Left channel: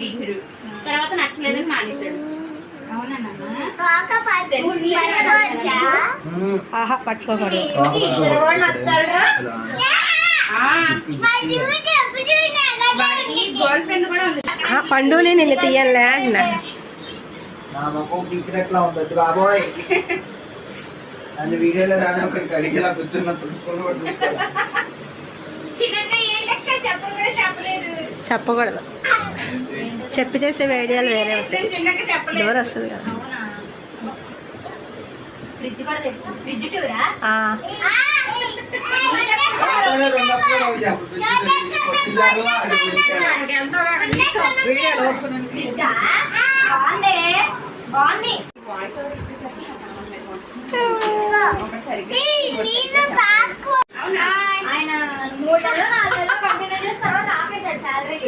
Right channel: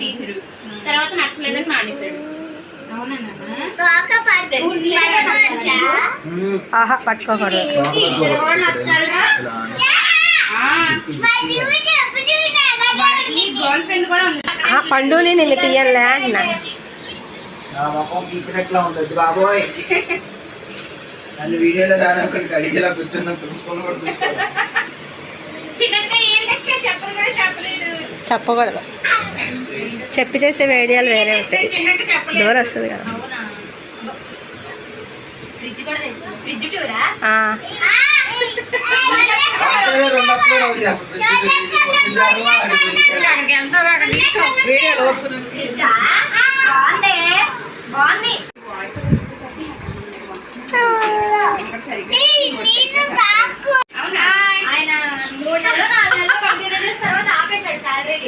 Teacher తర్వాత నచ్చలేదని మానేశాడు. ఆహా పట్టుకోకూడదు. గర్ల్ ఫ్రెండ్ కూడా ఉంది. పండుని నిన్ను తీయాలే అంటున్నా. ఉంటది బాబోయ్. అన్ని వీడియోలో కానీ ఒకటి అడిగేలా కూర్చున్నా తుడుచుకొని కూడా చెప్పకూడదు. చెప్పి చేసే వీడియోలు వేరే ఉంటాయి. డోర్ వస్తుంది కదా. ఆయన 3 నెలలు 4 నెలలు కంటిన్యూ చేసిన తర్వాత ఆపేశాడు శాలరీ.